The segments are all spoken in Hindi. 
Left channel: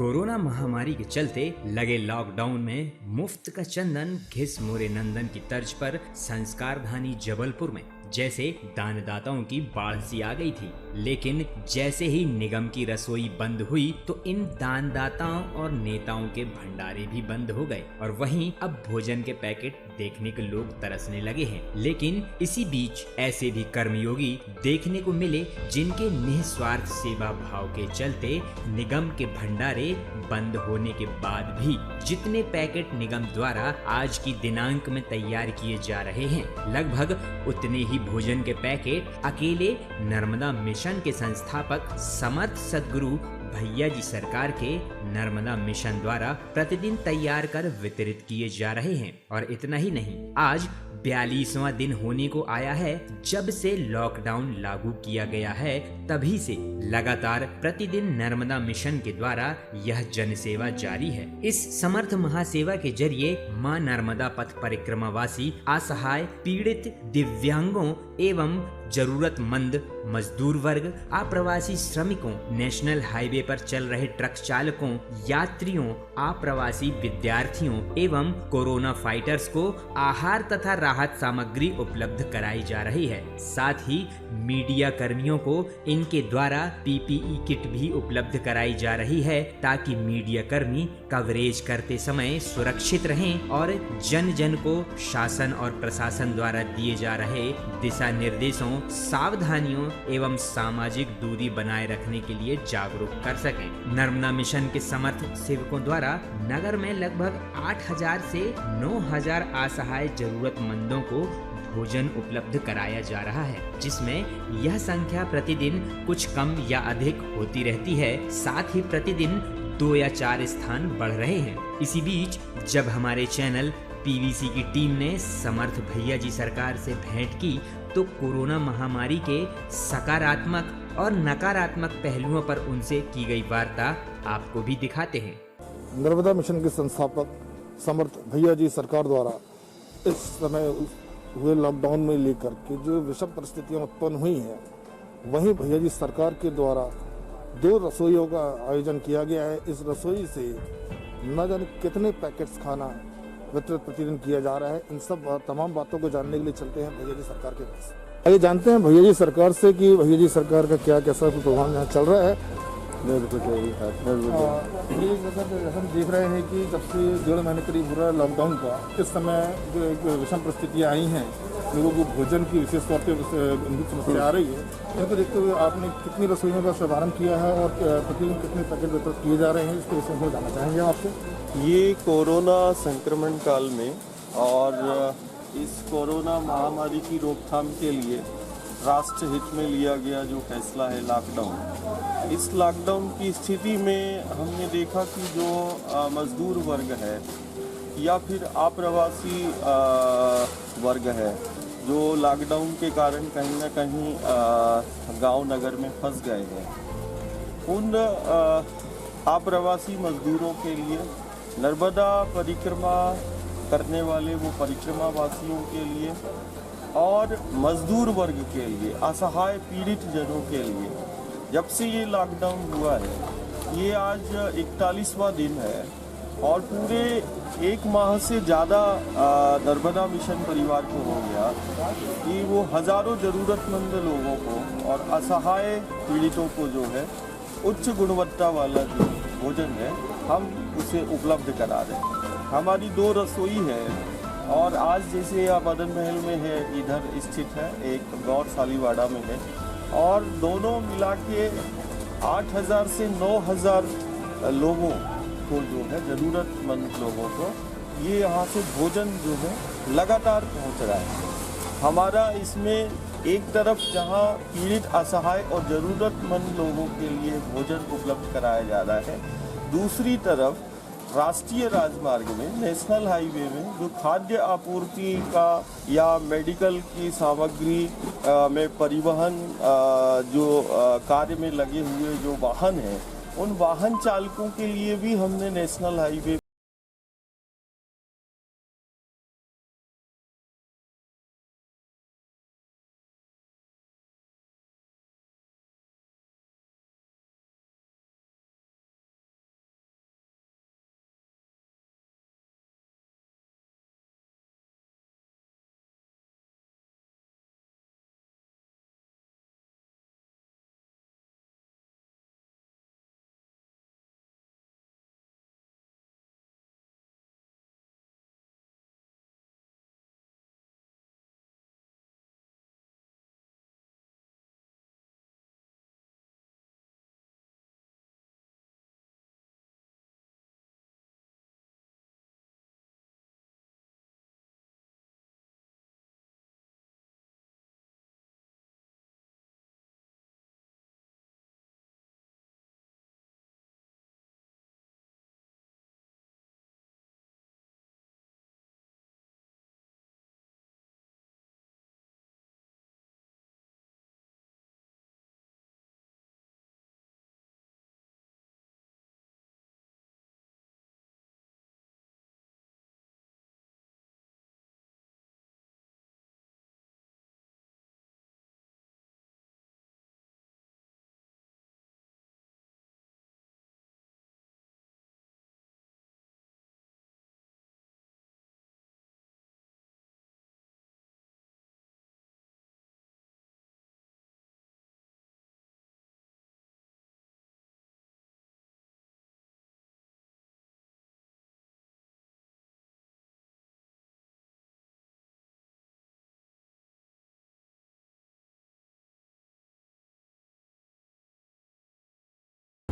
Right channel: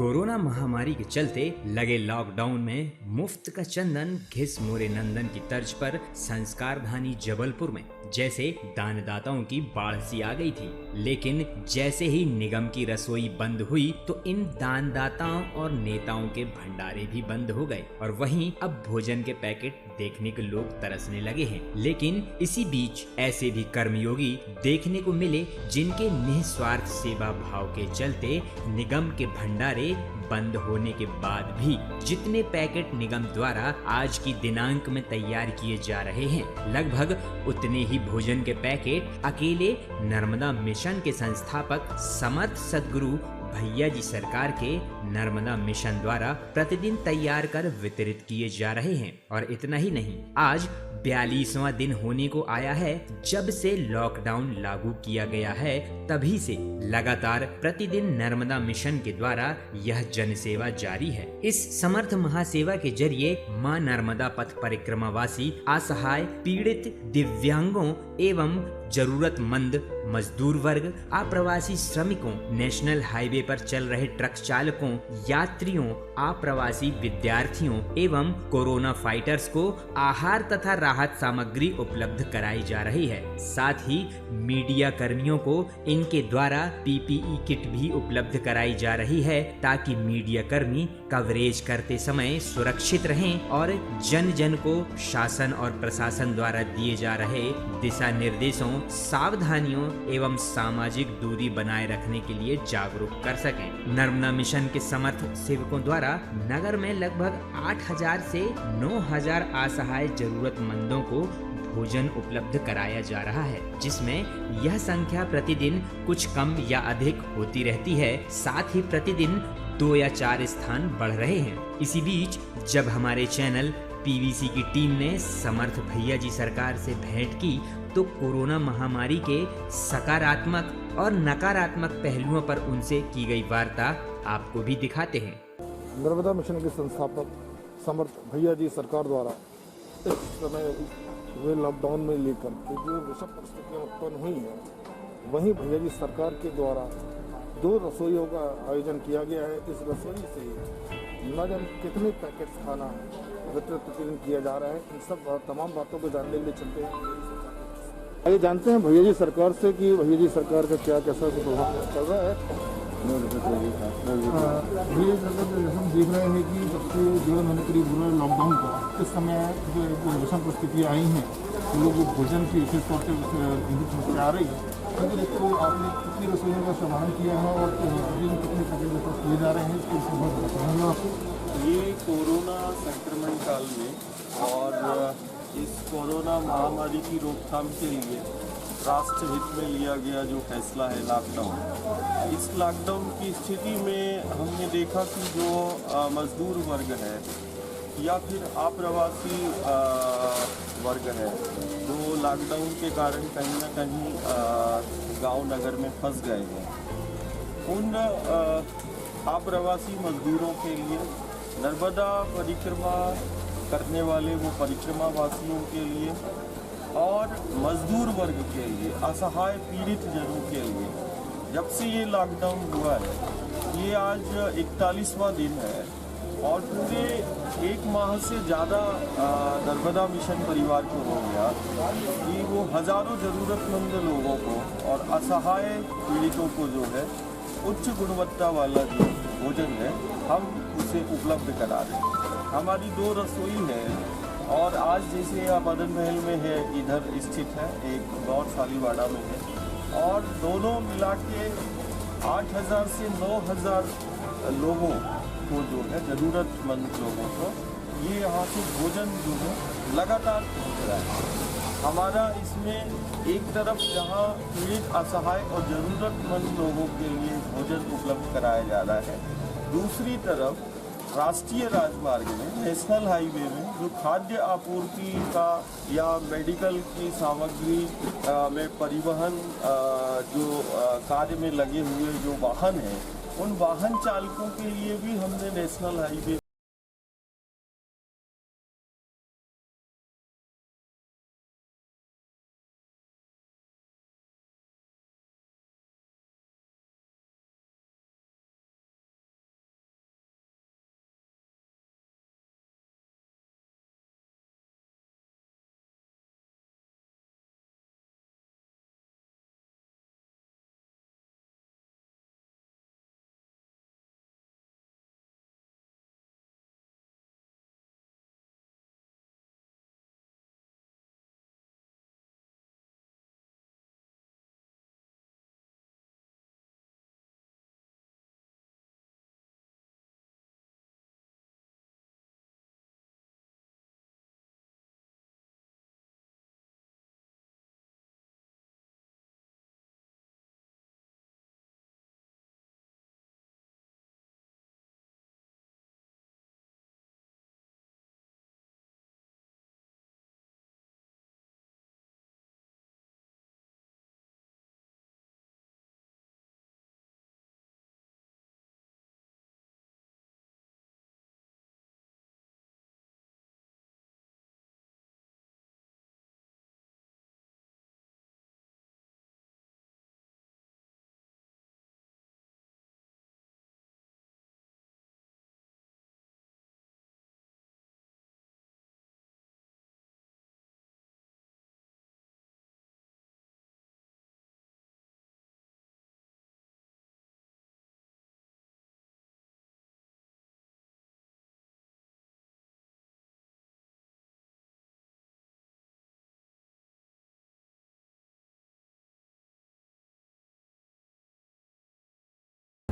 कोरोना महामारी के चलते लगे लॉकडाउन में मुफ्त का चंदन घिस मोरे नंदन की तर्ज पर संस्कार धानी जबलपुर में जैसे दानदाताओं की बाढ़ सी आ गई थी। लेकिन जैसे ही निगम की रसोई बंद हुई तो इन दानदाताओं और नेताओं के भंडारे भी बंद हो गए और वहीं अब भोजन के पैकेट देखने के लोग तरसने लगे हैं। लेकिन इसी बीच ऐसे भी कर्मयोगी देखने को मिले जिनके निस्वार्थ सेवा भाव के चलते निगम के भंडारे बंद होने के बाद भी जितने पैकेट निगम द्वारा आज की दिनांक में तैयार किए जा रहे हैं, लगभग उतने ही भोजन के पैकेट अकेले नर्मदा मिशन के संस्थापक समर्थ सदगुरु भैया जी सरकार के नर्मदा मिशन द्वारा प्रतिदिन तैयार कर वितरित किए जा रहे हैं। और इतना ही नहीं, आज 42वां दिन होने को आया है जब से लॉकडाउन लागू किया गया है। तभी से लगातार प्रतिदिन नर्मदा मिशन के द्वारा यह जनसेवा जारी है। इस समर्थ महासेवा के जरिए मां नर्मदा पथ परिक्रमावासी असहाय पीड़ित दिव्यांगों एवं जरूरतमंद मजदूर वर्ग, अप्रवासी श्रमिकों, नेशनल हाईवे पर चल रहे ट्रक चालकों, यात्रियों, अप्रवासी विद्यार्थियों एवं कोरोना फाइटर्स को आहार तथा राहत सामग्री उपलब्ध कराई जा रही है। साथ ही मीडिया कर्मियों को इनके द्वारा पीपीई किट भी उपलब्ध कराई जा रही है ताकि मीडिया कर्मी कवरेज करते समय सुरक्षित रहें और जन जन को शासन और प्रशासन द्वारा दिए जा रहे दिशा निर्देशों, सावधानियों एवं सामाजिक दूरी बनाए रखने के लिए जागरूक कर सकें। नर्मदा मिशन के समर्थ सेवकों द्वारा नगर में लगभग 8000 से 9000 असहाय जरूरतमंदों को भोजन उपलब्ध कराया जा रहा है, जिसमें यह संख्या प्रतिदिन कुछ कम या अधिक होती रहती है। साथ ही प्रतिदिन 2 या 4 स्थान बढ़ रहे हैं। इसी बीच जब हमारे चैनल पीवीसी की टीम ने समर्थ भैया जी सरकार से भेंट की तो कोरोना महामारी के सकारात्मक और नकारात्मक पहलुओं पर उनसे की गई वार्ता आपको भी दिखाते हैं। नर्मदा मिशन के संस्थापक समर्थ भैया जी सरकार द्वारा इस समय लॉकडाउन में लेकर कि जो विषम परिस्थितियां उत्पन्न हुई हैं, वहीं भैया जी सरकार के द्वारा 2 रसोइयों का आयोजन किया गया है। इस रसोई से न जाने कितने पैकेट्स खाना वितरित प्रतिदिन किया जा रहा है। इन सब तमाम बातों को जानने के लिए चलते हैं भैया जी सरकार के पास। आइए जानते हैं भैया जी सरकार से कि भैया जी सरकार का क्या कैसा प्रोग्राम चल रहा है। भैया जी सरकार तो जैसे हम देख रहे हैं कि जब से 1.5 महीने करीब हो रहा है लॉकडाउन का, इस समय जो एक विषम परिस्थितियाँ आई हैं, लोगों को भोजन की विशेष तौर पर समस्या आ रही है, उनको देखते हुए आपने कितनी रसोइयों का शुभारंभ किया है और प्रतिदिन कितने पैकेट वितरित किए जा रहे हैं, इसके विषय में बताना चाहेंगे आपसे। ये कोरोना संक्रमण काल में और इस कोरोना महामारी की रोकथाम के लिए राष्ट्र हित में लिया गया जो फैसला है लॉकडाउन, इस लॉकडाउन की स्थिति में हमने देखा कि जो मजदूर वर्ग है या फिर अप्रवासी वर्ग है, जो लॉकडाउन के कारण कहीं ना कहीं गांव नगर में फंस गए हैं, उन अप्रवासी मजदूरों के लिए नर्मदा परिक्रमा करने वाले वो परिक्रमा वासियों के लिए और मजदूर वर्ग के लिए, असहाय पीड़ित जनों के लिए, जब से ये लॉकडाउन हुआ है, ये आज 41वां दिन है और पूरे 1 माह से ज़्यादा नर्मदा मिशन परिवार को हो गया कि वो हज़ारों ज़रूरतमंद लोगों को और असहाय पीड़ितों को जो है उच्च गुणवत्ता वाला जो भोजन है हम उसे उपलब्ध करा रहे हैं। हमारी 2 रसोई है और आज जैसे आप मदन महल में है, इधर स्थित है, एक गौर सालीवाड़ा में है, और दोनों मिला के 8000 से 9000 लोगों को जो है ज़रूरतमंद लोगों को ये यहाँ से भोजन जो है लगातार पहुँच रहा है। हमारा इसमें एक तरफ जहाँ पीड़ित, असहाय और ज़रूरतमंद लोगों के लिए भोजन उपलब्ध कराया जा रहा है, दूसरी तरफ राष्ट्रीय राजमार्ग में, नेशनल हाईवे में जो खाद्य आपूर्ति का या मेडिकल की सामग्री में परिवहन जो कार्य में लगे हुए जो वाहन हैं, उन वाहन चालकों के लिए भी हमने नेशनल हाईवे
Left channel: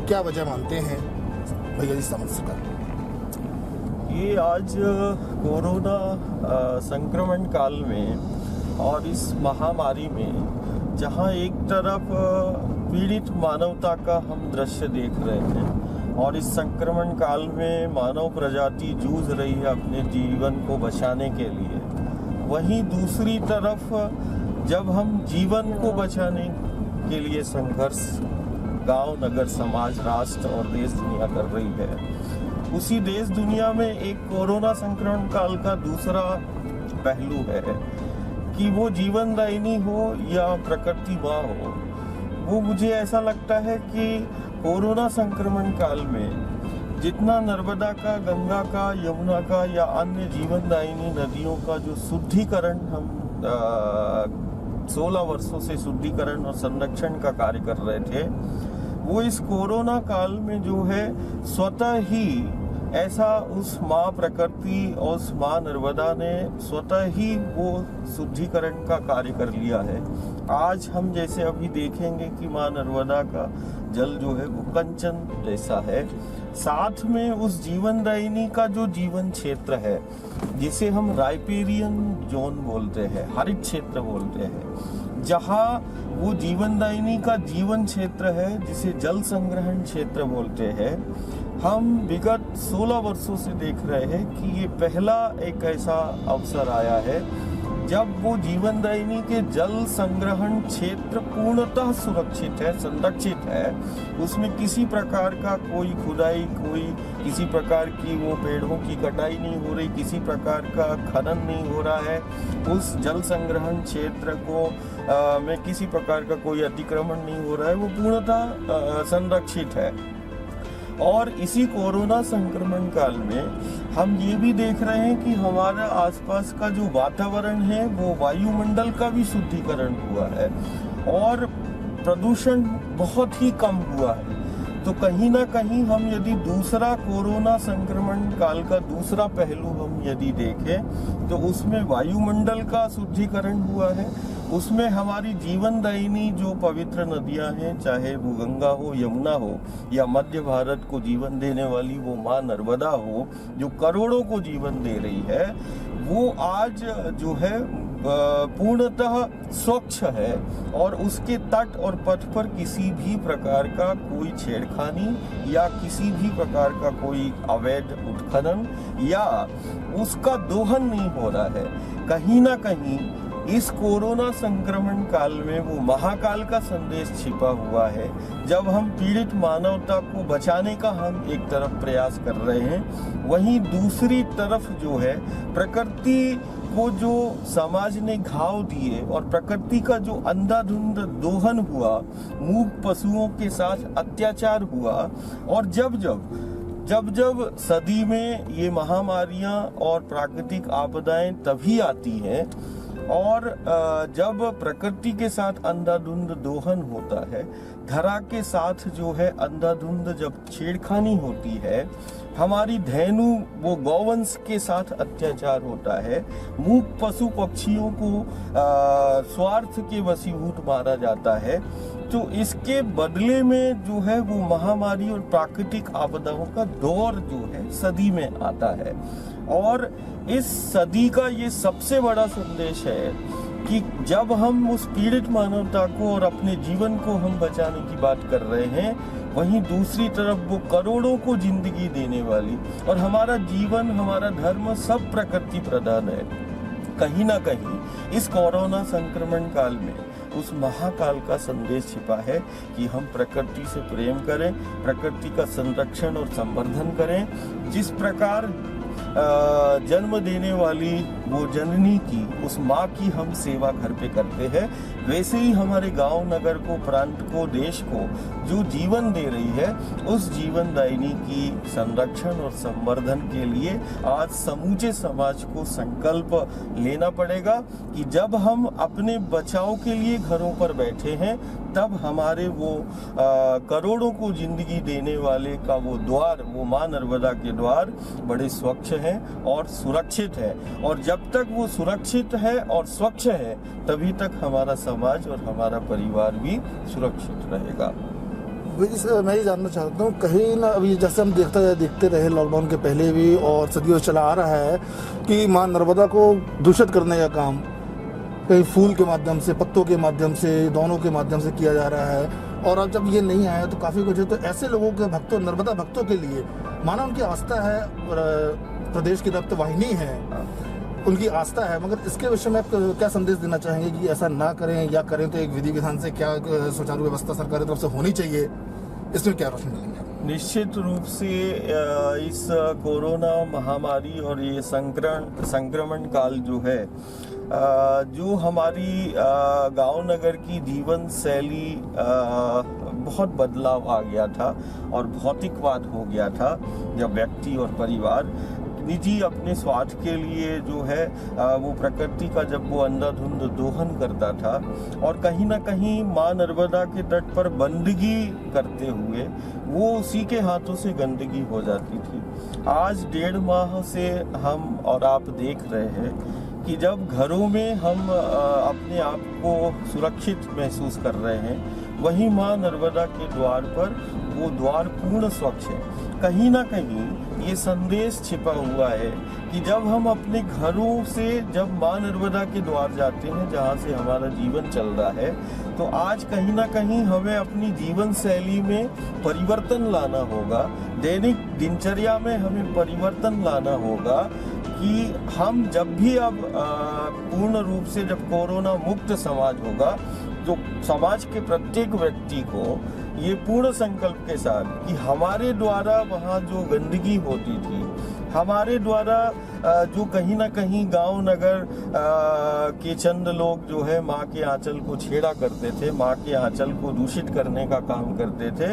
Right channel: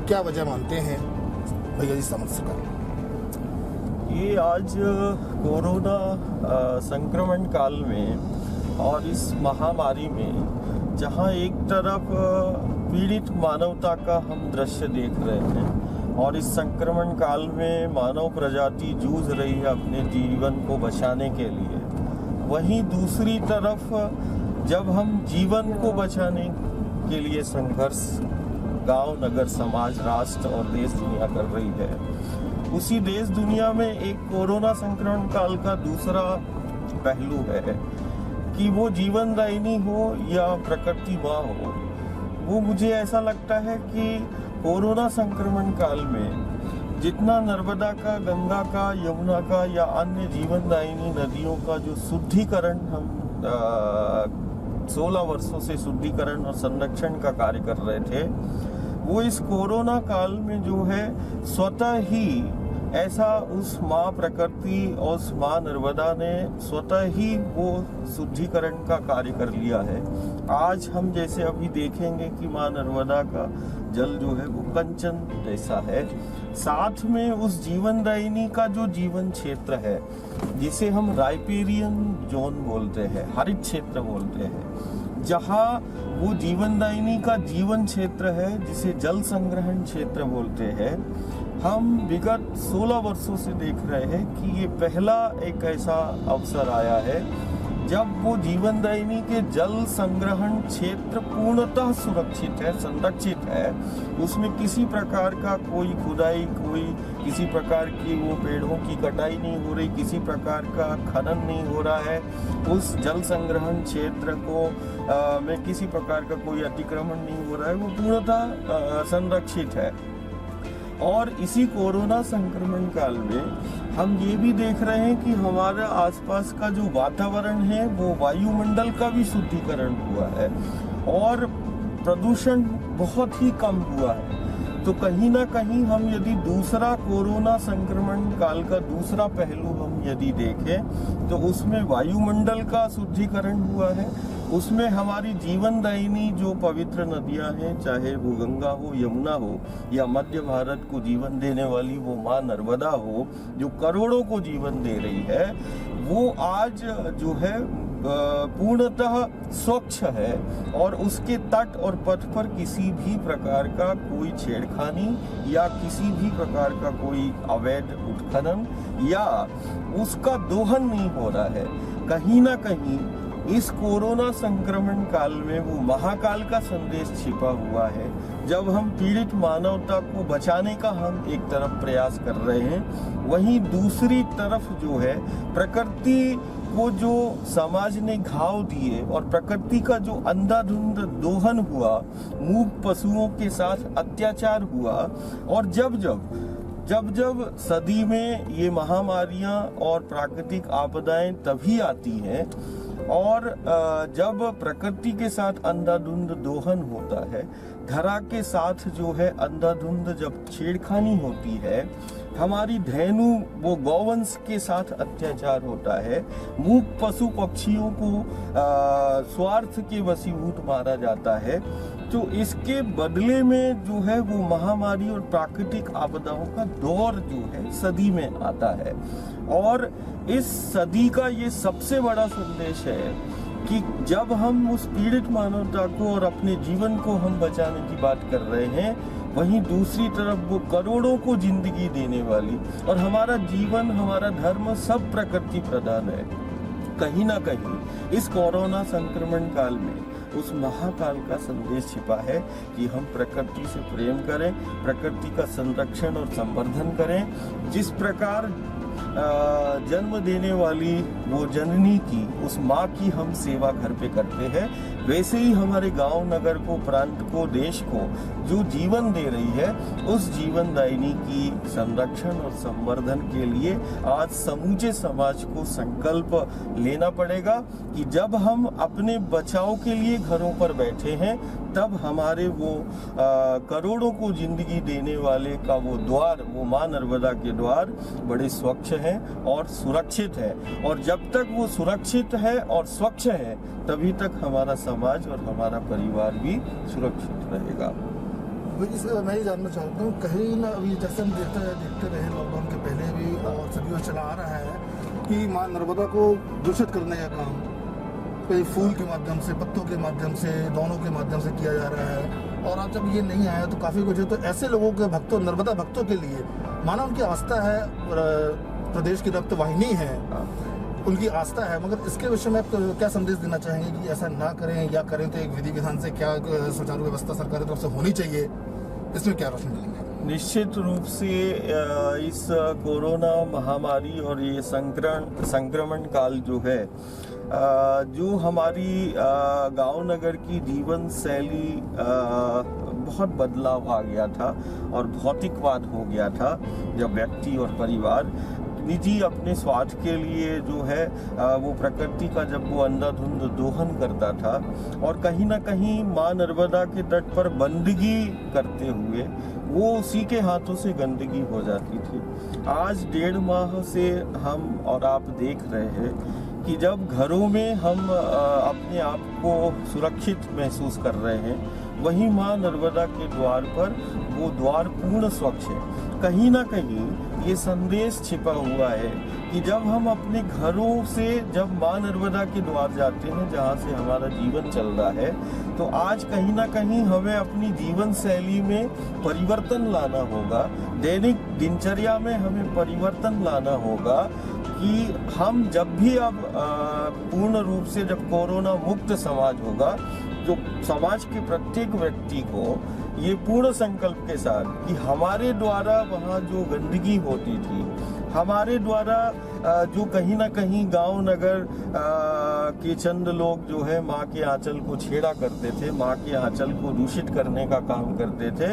क्या वजह मानते हैं भैया जी समझ सका? ये आज कोरोना संक्रमण काल में और इस महामारी में जहां एक तरफ पीड़ित मानवता का हम दृश्य देख रहे हैं और इस संक्रमण काल में मानव प्रजाति जूझ रही है अपने जीवन को बचाने के लिए, वहीं दूसरी तरफ जब हम जीवन को बचाने के लिए संघर्ष गांव, नगर, समाज, राष्ट्र और देश दुनिया कर रही है, उसी देश दुनिया में एक कोरोना संक्रमण काल का दूसरा पहलू है कि वो जीवनदायिनी हो या प्रकृति माँ हो। वो मुझे ऐसा लगता है कि कोरोना संक्रमण काल में जितना नर्मदा का, गंगा का, यमुना का या अन्य जीवनदायिनी नदियों का जो शुद्धिकरण हम 16 वर्षों से शुद्धिकरण और संरक्षण का कार्य कर रहे थे, वो इस कोरोना काल में जो है स्वतः ही ऐसा उस माँ प्रकृति और उस माँ नर्मदा ने स्वतः ही वो शुद्धिकरण का कार्य कर लिया है। आज हम जैसे अभी देखेंगे कि माँ नर्मदा का जल जो है वो कंचन जैसा है, साथ में उस जीवनदायिनी का जो जीवन क्षेत्र है जिसे हम राइपेरियन जोन बोलते हैं, हरित क्षेत्र बोलते हैं, जहाँ वो जीवनदायिनी का जीवन क्षेत्र है जिसे जल संग्रहण क्षेत्र बोलते हैं, हम विगत 16 वर्षों से देख रहे हैं कि ये पहला एक ऐसा अवसर आया है जब वो जीवनदायिनी के जल संग्रहण क्षेत्र पूर्णतः सुरक्षित है, संरक्षित है। उसमें किसी प्रकार का कोई खुदाई, कोई किसी प्रकार की वो पेड़ों की कटाई नहीं हो रही, किसी प्रकार का खनन नहीं हो रहा है। उस जल संग्रहण क्षेत्र को में किसी प्रकार का कोई अतिक्रमण नहीं हो रहा है, वो पूर्णतः संरक्षित है। और इसी कोरोना संक्रमण काल में हम ये भी देख रहे हैं कि हमारे आसपास का जो वातावरण है वो वायुमंडल का भी शुद्धिकरण हुआ है और प्रदूषण बहुत ही कम हुआ है। तो कहीं ना कहीं हम यदि दूसरा कोरोना संक्रमण काल का दूसरा पहलू हम यदि देखें तो उसमें वायुमंडल का शुद्धिकरण हुआ है, उसमें हमारी जीवनदायिनी जो पवित्र नदियां हैं, चाहे वो गंगा हो, यमुना हो या मध्य भारत को जीवन देने वाली वो माँ नर्मदा हो जो करोड़ों को जीवन दे रही है, वो आज जो है पूर्णतः स्वच्छ है और उसके तट और पथ पर किसी भी प्रकार का कोई छेड़खानी या किसी भी प्रकार का कोई अवैध उत्खनन या उसका दोहन नहीं हो रहा है। कहीं ना कहीं इस कोरोना संक्रमण काल में वो महाकाल का संदेश छिपा हुआ है। जब हम पीड़ित मानवता को बचाने का हम एक तरफ प्रयास कर रहे हैं, वहीं दूसरी तरफ जो है प्रकृति को जो समाज ने घाव दिए और प्रकृति का जो अंधाधुंध दोहन हुआ, मूक पशुओं के साथ अत्याचार हुआ और जब सदी में ये महामारियां और प्राकृतिक आपदाएं तभी आती हैं और जब प्रकृति के साथ अंधाधुंध दोहन होता है, धरा के साथ जो है अंधाधुंध जब छेड़खानी होती है, हमारी धेनु वो गौवंश के साथ अत्याचार होता है, मूक पशु पक्षियों को स्वार्थ के वशीभूत मारा जाता है, तो इसके बदले में जो है वो महामारी और प्राकृतिक आपदाओं का दौर जो है सदी में आता है। और इस सदी का ये सबसे बड़ा संदेश है कि जब हम उस पीड़ित मानवता को और अपने जीवन को हम बचाने की बात कर रहे हैं, वहीं दूसरी तरफ वो करोड़ों को जिंदगी देने वाली और हमारा जीवन, हमारा धर्म सब प्रकृति प्रधान है। कहीं ना कहीं इस कोरोना संक्रमण काल में उस महाकाल का संदेश छिपा है कि हम प्रकृति से प्रेम करें, प्रकृति का संरक्षण और संवर्धन करें। जिस प्रकार जन्म देने वाली वो जननी की, उस माँ की हम सेवा घर पे करते हैं, वैसे ही हमारे गांव, नगर को, प्रांत को, देश को जो जीवन दे रही है, उस जीवनदायिनी की संरक्षण और संवर्धन के लिए आज समूचे समाज को संकल्प लेना पड़ेगा कि जब हम अपने बचाव के लिए घरों पर बैठे हैं, तब हमारे वो करोड़ों को जिंदगी देने वाले का वो द्वार, वो माँ नर्मदा के द्वार बड़े स्वच्छ हैं और सुरक्षित है। और जब तक वो सुरक्षित है और स्वच्छ है, तभी तक हमारा समाज और हमारा परिवार भी सुरक्षित रहेगा। वही सर मैं ये जानना चाहता हूँ, कहीं ना अभी जैसे हम देखते रहे लॉकडाउन के पहले भी और सदियों चला आ रहा है कि माँ नर्मदा को दूषित करने का काम कहीं फूल के माध्यम से, पत्तों के माध्यम से, दोनों के माध्यम से किया जा रहा है। और अब जब ये नहीं आया तो काफ़ी कुछ है, तो ऐसे लोगों के भक्तों, नर्मदा भक्तों के लिए माना उनकी आस्था है, प्रदेश की रक्त वाहिनी है, उनकी आस्था है, मगर इसके विषय में आप क्या संदेश देना चाहेंगे कि ऐसा ना करें, या करें तो एक विधि विधान से क्या सुचारू व्यवस्था सरकार की तरफ से होनी चाहिए, इसमें क्या रोशनी मिलेंगे? निश्चित रूप से इस कोरोना महामारी और ये संक्रमण काल जो है, जो हमारी गांव नगर की जीवन शैली बहुत बदलाव आ गया था और भौतिकवाद हो गया था, जब व्यक्ति और परिवार निजी अपने स्वार्थ के लिए जो है वो प्रकृति का जब वो अंधाधुंध दोहन करता था और कहीं ना कहीं माँ नर्मदा के तट पर बंदगी करते हुए वो उसी के हाथों से गंदगी हो जाती थी। आज 1.5 माह से हम और आप देख रहे हैं कि जब घरों में हम अपने आप को सुरक्षित महसूस कर रहे हैं, वहीं माँ नर्मदा के द्वार पर वो द्वार पूर्ण स्वच्छ है। कहीं ना कहीं ये संदेश छिपा हुआ है कि जब हम अपने घरों से जब माँ नर्मदा के द्वार जाते हैं, जहाँ से हमारा जीवन चल रहा है, तो आज कहीं ना कहीं हमें अपनी जीवन शैली में परिवर्तन लाना होगा, दैनिक दिनचर्या में हमें परिवर्तन लाना होगा कि हम जब भी अब पूर्ण रूप से जब कोरोना मुक्त समाज होगा, जो समाज के प्रत्येक व्यक्ति को ये पूर्ण संकल्प के साथ कि हमारे द्वारा वहाँ जो गंदगी होती थी, हमारे द्वारा जो कहीं ना कहीं गांव नगर के चंद लोग जो है माँ के आंचल को छेड़ा करते थे, माँ के आंचल को दूषित करने का काम करते थे,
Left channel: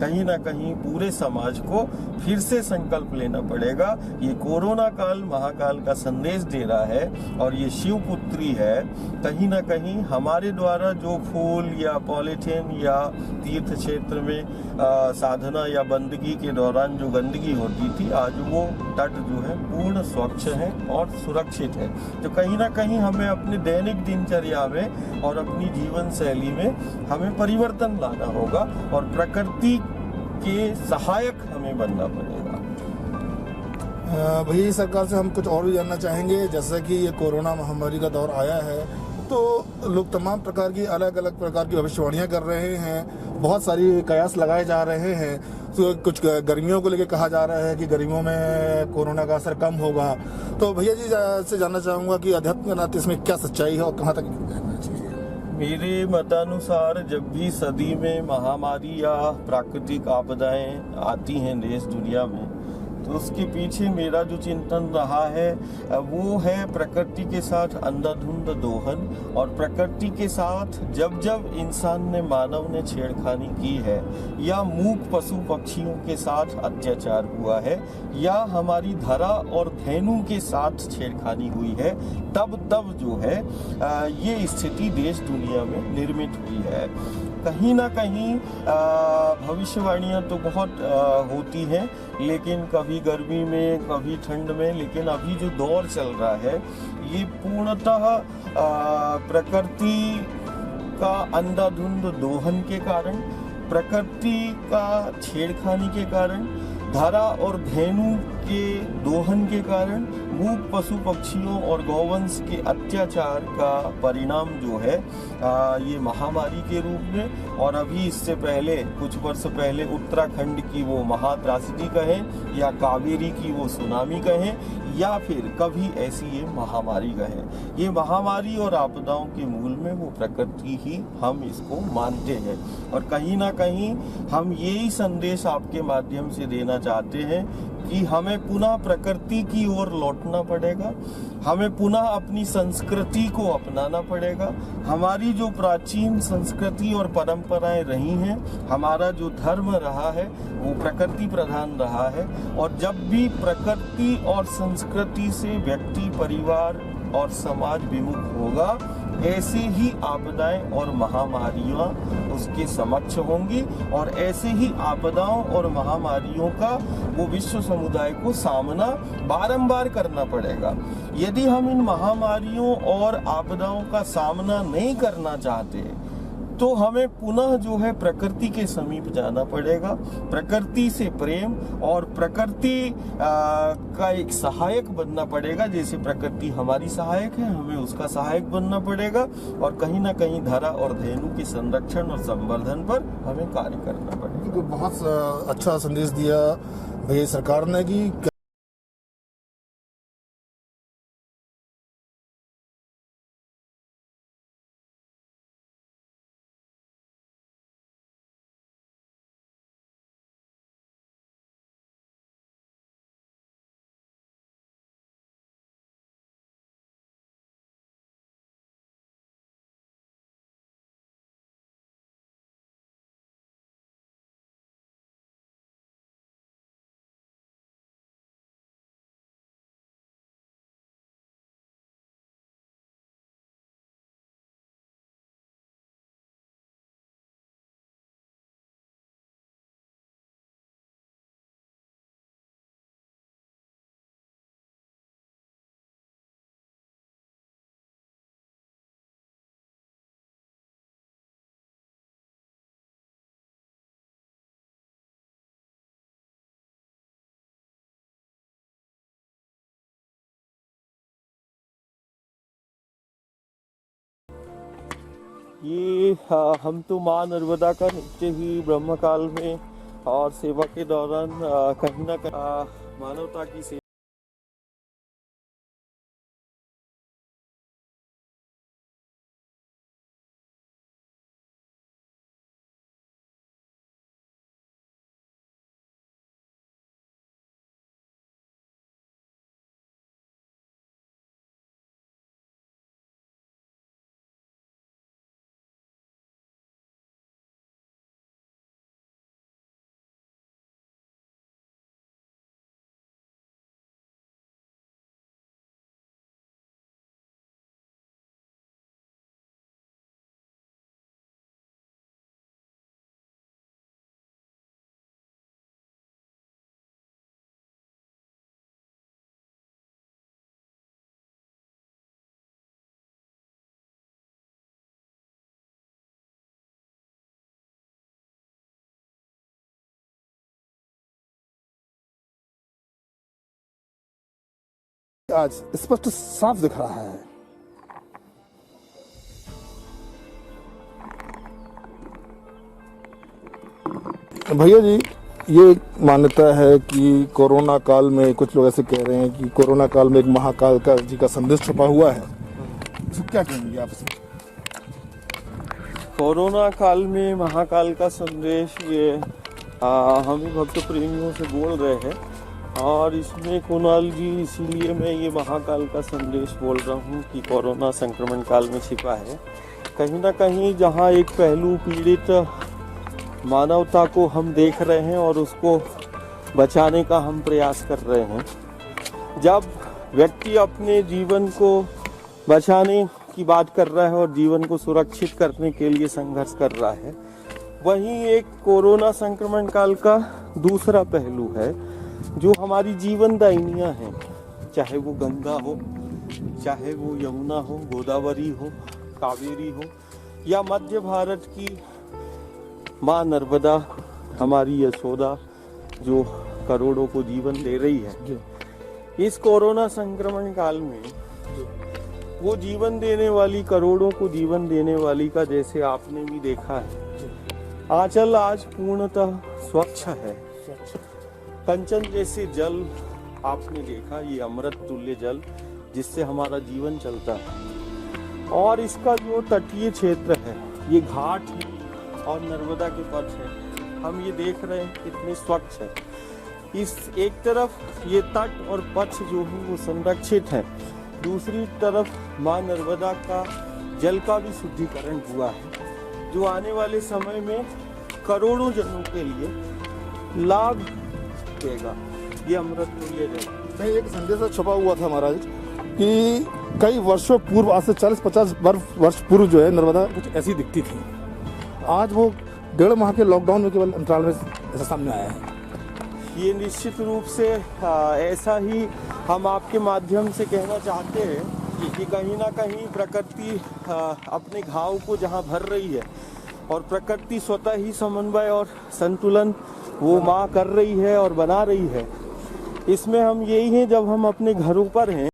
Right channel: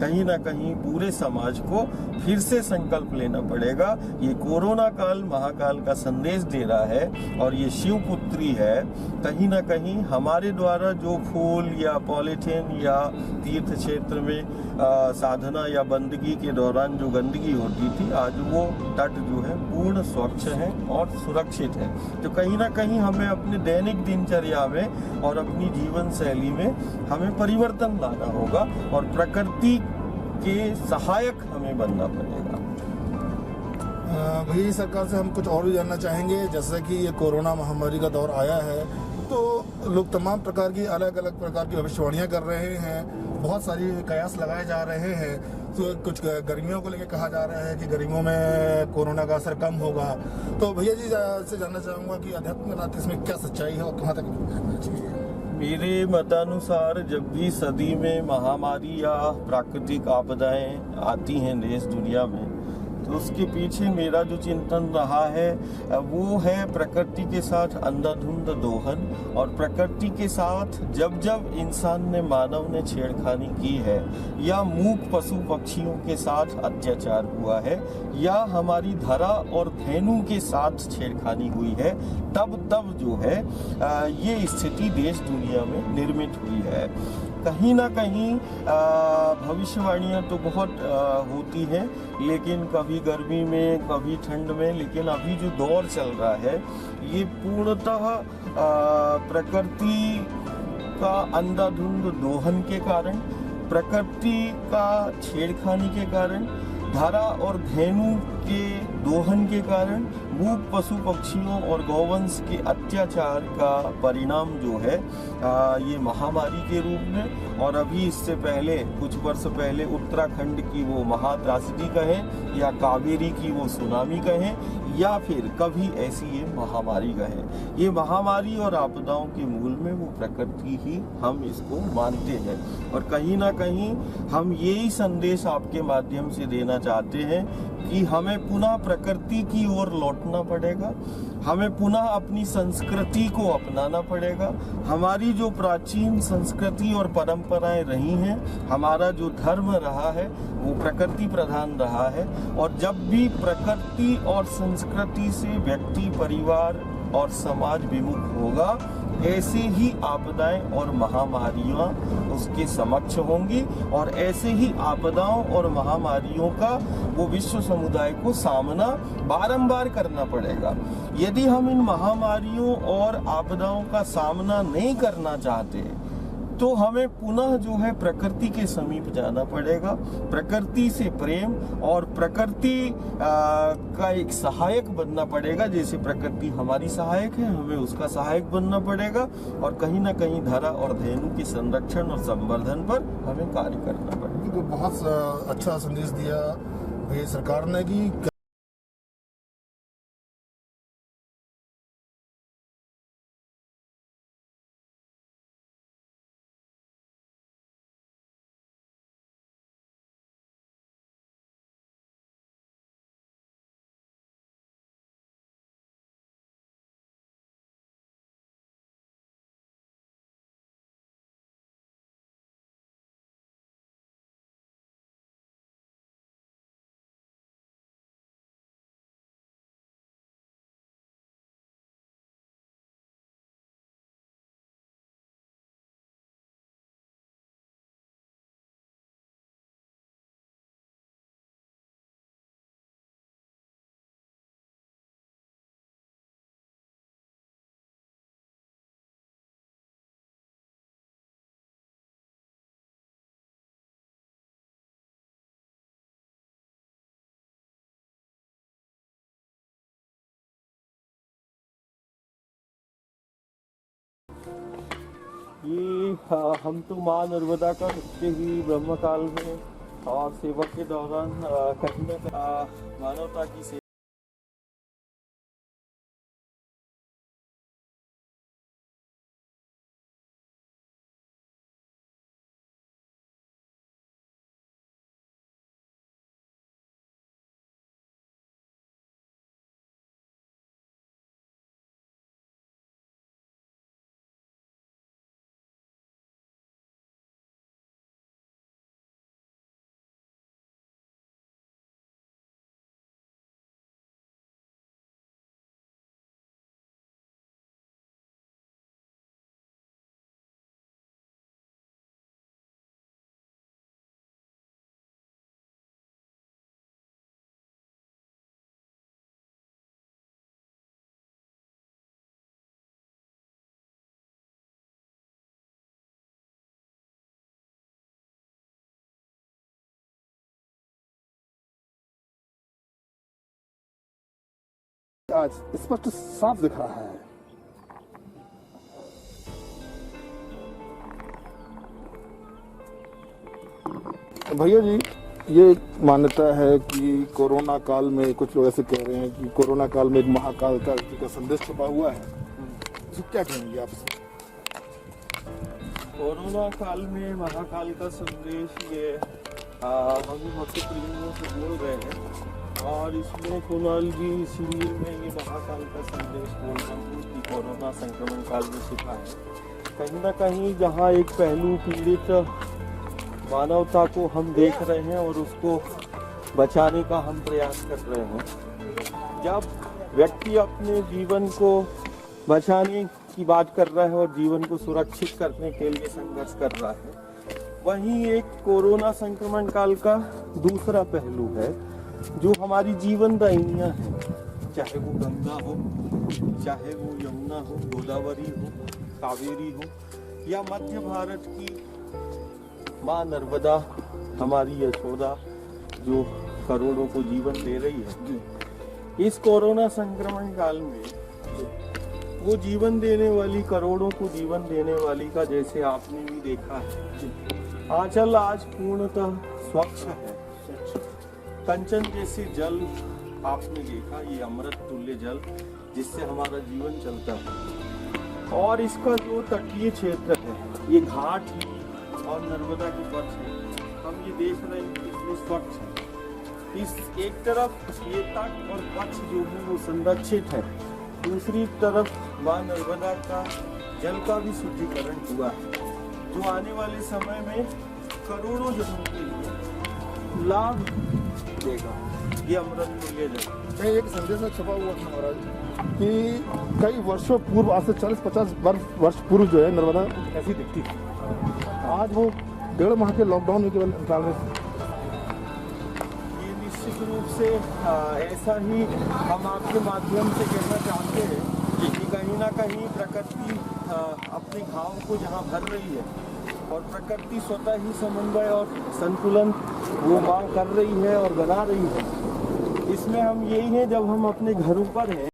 कहीं ना कहीं पूरे समाज को फिर से संकल्प लेना पड़ेगा। ये कोरोना काल महाकाल का संदेश दे रहा है और ये शिवपुत्री है। कहीं ना कहीं हमारे द्वारा जो फूल या पॉलीथीन या तीर्थ क्षेत्र में साधना या बंदगी के दौरान जो गंदगी होती थी, आज वो तट जो है पूर्ण स्वच्छ है और सुरक्षित है। तो कहीं ना कहीं हमें अपने दैनिक दिनचर्या में और अपनी जीवन शैली में हमें परिवर्तन लाना होगा और प्रकृति के सहायक हमें बनना पड़ेगा। भैया सरकार से हम कुछ और भी जानना चाहेंगे, जैसे कि ये कोरोना महामारी का दौर आया है तो लोग तमाम प्रकार की अलग अलग प्रकार की भविष्यवाणियां कर रहे हैं, बहुत सारी कयास लगाए जा रहे हैं। तो कुछ गर्मियों को लेकर कहा जा रहा है कि गर्मियों में कोरोना का असर कम होगा। तो भैया जी से जानना चाहूँगा कि अध्यात्म के नाते इसमें क्या सच्चाई है और कहाँ तक जाना चाहिए? मेरे मतानुसार जब भी सदी में महामारी या प्राकृतिक आपदाएं आती हैं देश दुनिया में, तो उसके पीछे मेरा जो चिंतन रहा है वो है प्रकृति के साथ अंधाधुंध दोहन, और प्रकृति के साथ जब जब इंसान ने, मानव ने छेड़खानी की है या मूक पशु पक्षियों के साथ अत्याचार हुआ है या हमारी धरा और धेनु के साथ छेड़खानी हुई है, तब जो है ये स्थिति देश दुनिया में निर्मित हुई है। कहीं ना कहीं भविष्यवाणियाँ तो बहुत होती हैं, लेकिन कभी गर्मी में कभी ठंड में, लेकिन अभी जो दौर चल रहा है ये पूर्णतः प्रकृति का अंधाधुंध दोहन के कारण, प्रकृति का छेड़खानी के कारण, धरा और धेनु के दोहन के कारण, मूक पशु पक्षियों और गौवंश के अत्याचार का परिणाम जो है ये महामारी के रूप में, और अभी इससे पहले कुछ वर्ष पहले उत्तराखंड की वो महात्रासदी कहें या कावेरी की वो सुनामी कहें या फिर कभी ऐसी ये महामारी कहें, ये महामारी और आपदाओं के मूल में वो प्रकृति ही हम इसको मानते हैं। और कहीं ना कहीं हम यही संदेश आपके माध्यम से देना चाहते हैं कि हमें पुनः प्रकृति की ओर लौटना पड़ेगा, हमें पुनः अपनी संस्कृति को अपनाना पड़ेगा। हमारी जो प्राचीन संस्कृति और परंपराएं रही हैं, हमारा जो धर्म रहा है वो प्रकृति प्रधान रहा है, और जब भी प्रकृति और संस्कृति से व्यक्ति, परिवार और समाज विमुख होगा, ऐसे ही आपदाएं और महामारियां उसके समक्ष होंगी, और ऐसे ही आपदाओं और महामारियों का वो विश्व समुदाय को सामना बारंबार करना पड़ेगा। यदि हम इन महामारियों और आपदाओं का सामना नहीं करना चाहते तो हमें पुनः जो है प्रकृति के समीप जाना पड़ेगा, प्रकृति से प्रेम और प्रकृति का एक सहायक बनना पड़ेगा। जैसे प्रकृति हमारी सहायक है, हमें उसका सहायक बनना पड़ेगा और कहीं ना कहीं धरा और धेनु के संरक्षण और संवर्धन पर हमें कार्य करना पड़ेगा। तो बहुत अच्छा संदेश दिया भैया सरकार ने कि हम तो माँ नर्मदा का नित्य ही ब्रह्मकाल में और सेवा के दौरान कहीं ना कहीं मानवता की सेवा आज स्पष्ट साफ दिख रहा है। भैया जी, ये मान्यता है कि कोरोना काल में कुछ लोग ऐसे कह रहे हैं कि कोरोना काल में एक महाकाल का जी का संदेश छुपा हुआ है, तो क्या कहेंगे आपसे? कोरोना काल में महाकाल का संदेश ये हम भक्त प्रेमियों से बोल रहे हैं और इसमें कुणाल जी इसीलिए मैं ये महाकाल का संदेश बोल रहा हूँ कि कोरोना संक्रमण काल में छिपा है। कहीं ना कहीं जहाँ एक पहलू पीड़ित मानवता को हम देख रहे हैं और उसको बचाने का हम प्रयास कर रहे हैं। जब व्यक्ति अपने जीवन को बचाने की बात कर रहा है और जीवन को सुरक्षित करने के लिए संघर्ष कर रहा है, वहीं एक कोरोना संक्रमण काल का दूसरा पहलू है जो हमारी जीवन दायिनियाँ हैं, चाहे वो गंगा हो, चाहे वो यमुना हो, गोदावरी हो, कावेरी हो या मध्य भारत की माँ नर्मदा, हमारी यशोदा जो करोड़ों को जीवन दे रही है। इस कोरोना संक्रमण काल में वो जीवन देने वाली, करोड़ों को जीवन देने वाली का जैसे आपने भी देखा है, आंचल आज पूर्णतः स्वच्छ है। कंचन जैसे जल आपने देखा, ये अमृत तुल्य जल जिससे हमारा जीवन चलता है। और इसका जो तटीय क्षेत्र है, ये घाट और नर्मदा के पथ है, हम ये देख रहे हैं कितने स्वच्छ है। इस एक तरफ ये तट और पथ जो है वो संरक्षित है, दूसरी तरफ माँ नर्मदा का जल का भी शुद्धिकरण हुआ है, जो आने वाले समय में करोड़ों जनों के लिए लाभ देगा। ये अमृत तुल्य जल। कहीं एक संदेश छपा हुआ था महाराज कि कई वर्षों पूर्व, आज से 40-50 वर्ष पूर्व जो है नर्मदा कुछ ऐसी दिखती थी। आज वो 1.5 माह के लॉकडाउन में केवल अंतराल में सामने आया है। ये निश्चित रूप से ऐसा ही हम आपके माध्यम से कहना चाहते हैं कि कहीं ना कहीं प्रकृति अपने घाव को जहाँ भर रही है, और प्रकृति स्वतः ही समन्वय और संतुलन निर्वाह कर रही है और बना रही है। इसमें हम यही हैं, जब हम अपने घरों पर हैं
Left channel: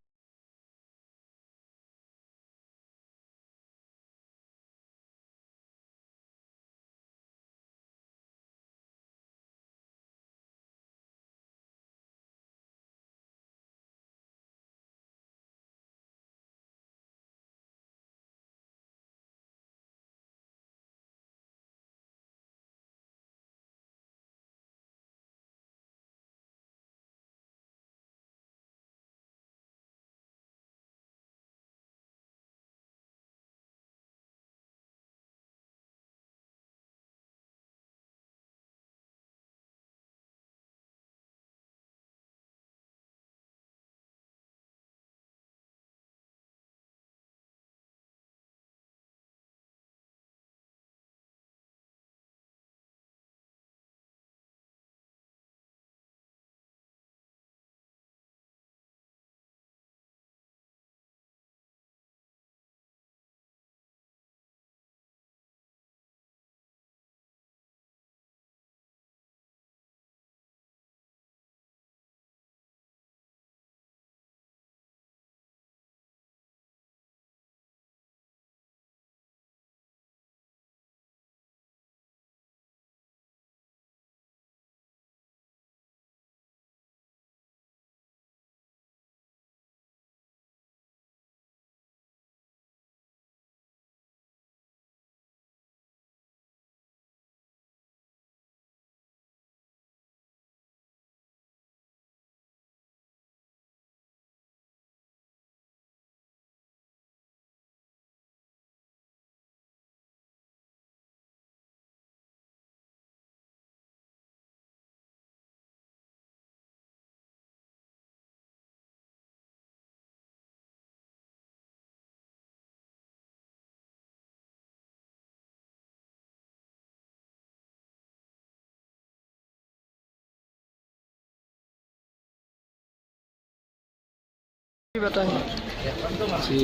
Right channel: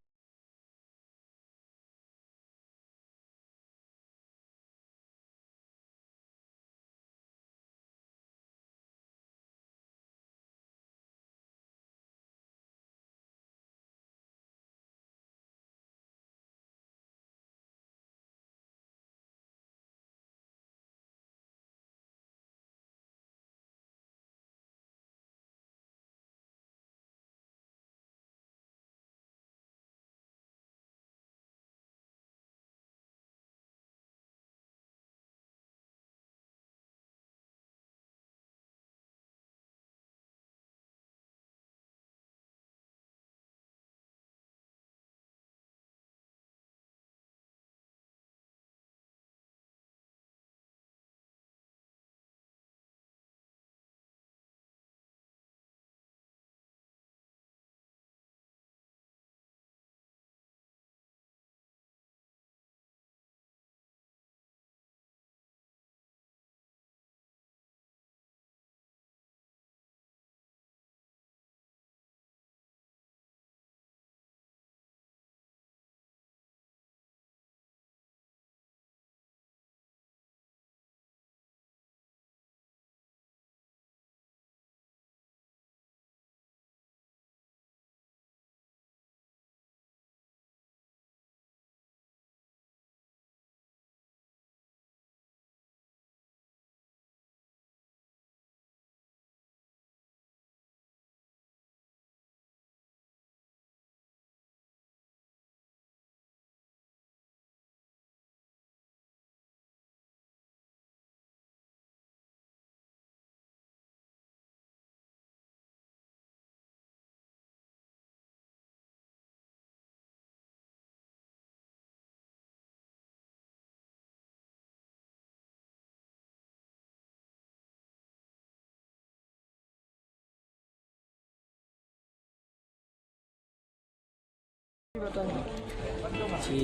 जी,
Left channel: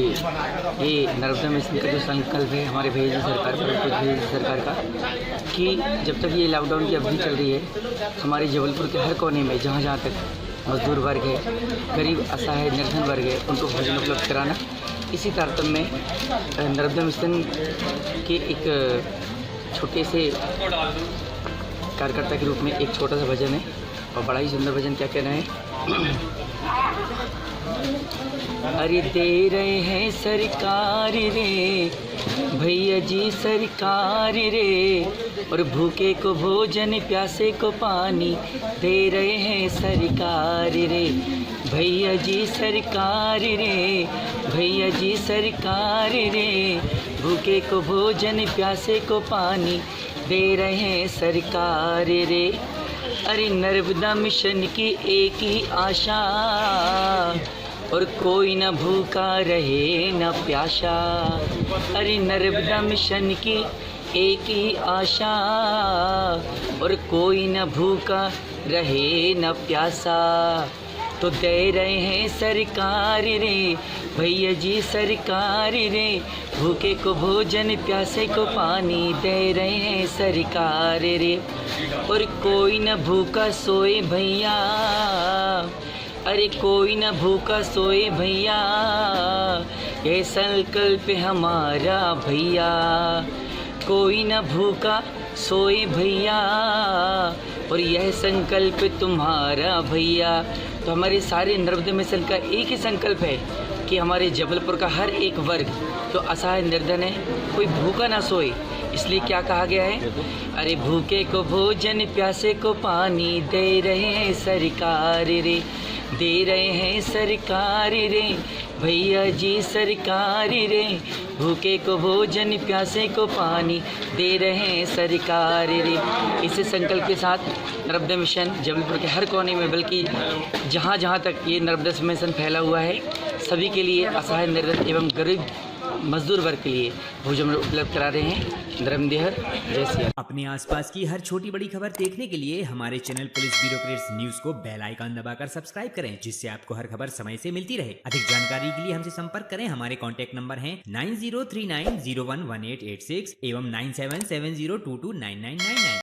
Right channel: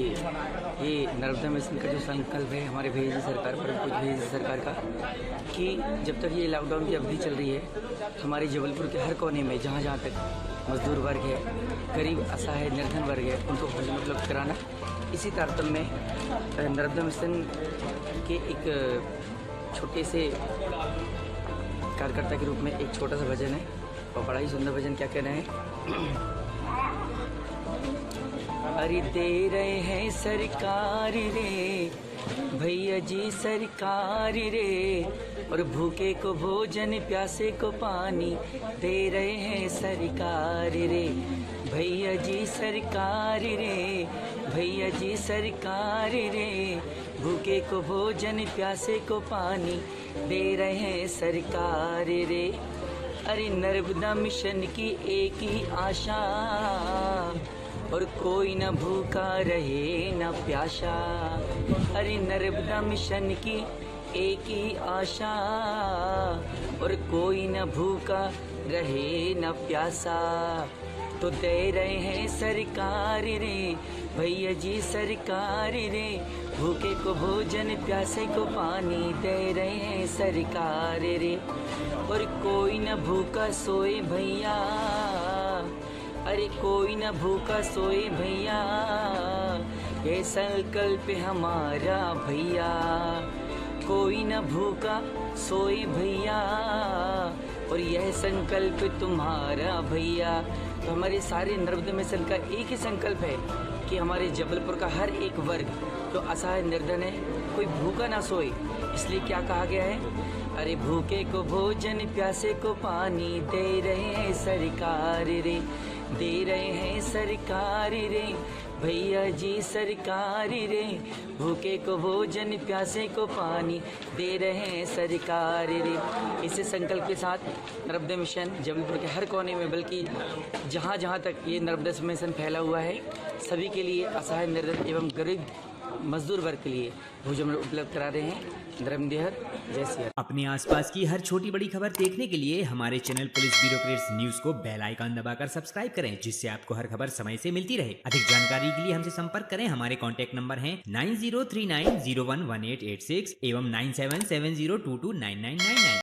ये नर्मदा मिशन का जो संकल्प है हमारे भैया जी सरकार पर, कुछ भैया जी सरकार का, कि जब तक ये लॉकडाउन की अवधि चल रही है, हमारे जबलपुर के हर कोने में जहाँ जहाँ तक मजदूर वर्ग है, गरीब असहाय निर्धन वर्ग है, उनको भोजन उपलब्ध कराना। इसी तारतम्य में नर्मदा मिशन के एक छोटे से कार्यकर्ता के रूप में एक छोटा सा भजन है, और बड़ा ही सुंदर भजन। क्या कहना है? अरे दे रहे हैं सरकार रे भैया जी सरकार रे, और भूखे को भोजन प्यासे को पानी दे रहे हैं सरकार रे भैया जी सरकार रे, भैया जी सरकार रे, भूखे को भोजन प्यासे को पानी दे रहे हैं सरकार रे। अरे नर्मदा मिशन की एक ही आशा, और कोई न भूखा रहे न प्यासा। अरे नर्मदा मिशन की एक ही आशा, और कोई न भूखा रहे न प्यासा। तो दे रहे हैं सरकार रे भैया जी सरकार रे, भूखे को भोजन प्यासे को पानी दे रहे हैं सरकार रे। और कोई न भूखा सोए भैया, अरे कोई न भूखा सोए भैया, ये संकल्प हमारा भैया। कोई न भूखा सोए भैया, और यह संकल्प तुम्हारा भैया। तो हमारे सारे नर्मदा मिशन का एक ही संकल्प है कि हमारे जबलपुर का हर एक वर्ग जो असहाय निर्धन है, कोई भूखा ना सोए। इसलिए क्या कहा गया है? अरे भूखे को भोजन प्यासे को पानी दे रहे हैं सरकार रे, दे रहे हैं सरकार रे भैया जी सरकार रे, भूखे को भोजन प्यासे को पानी दे रहे हैं सरकार रे। इसी संकल्प के साथ नर्मदा मिशन जबलपुर के हर कोने में, बल्कि जहाँ जहाँ तक ये नर्मदा मिशन फैला हुआ है, सभी के लिए असहाय निर्धन एवं गरीब मजदूर वर्ग के लिए भोजन उपलब्ध करा रहे हैं। धर्मदेहर, जय सिया। अपने आसपास की हर छोटी बड़ी खबर देखने के लिए हमारे चैनल पुलिस ब्यूरोक्रेट्स न्यूज को बेल आइकन दबाकर सब्सक्राइब करें, जिससे आपको हर खबर समय से मिलती रहे। अधिक जानकारी के लिए हमसे संपर्क करें। हमारे कॉन्टैक्ट नंबर हैं 9039011886 एवं 9770229999।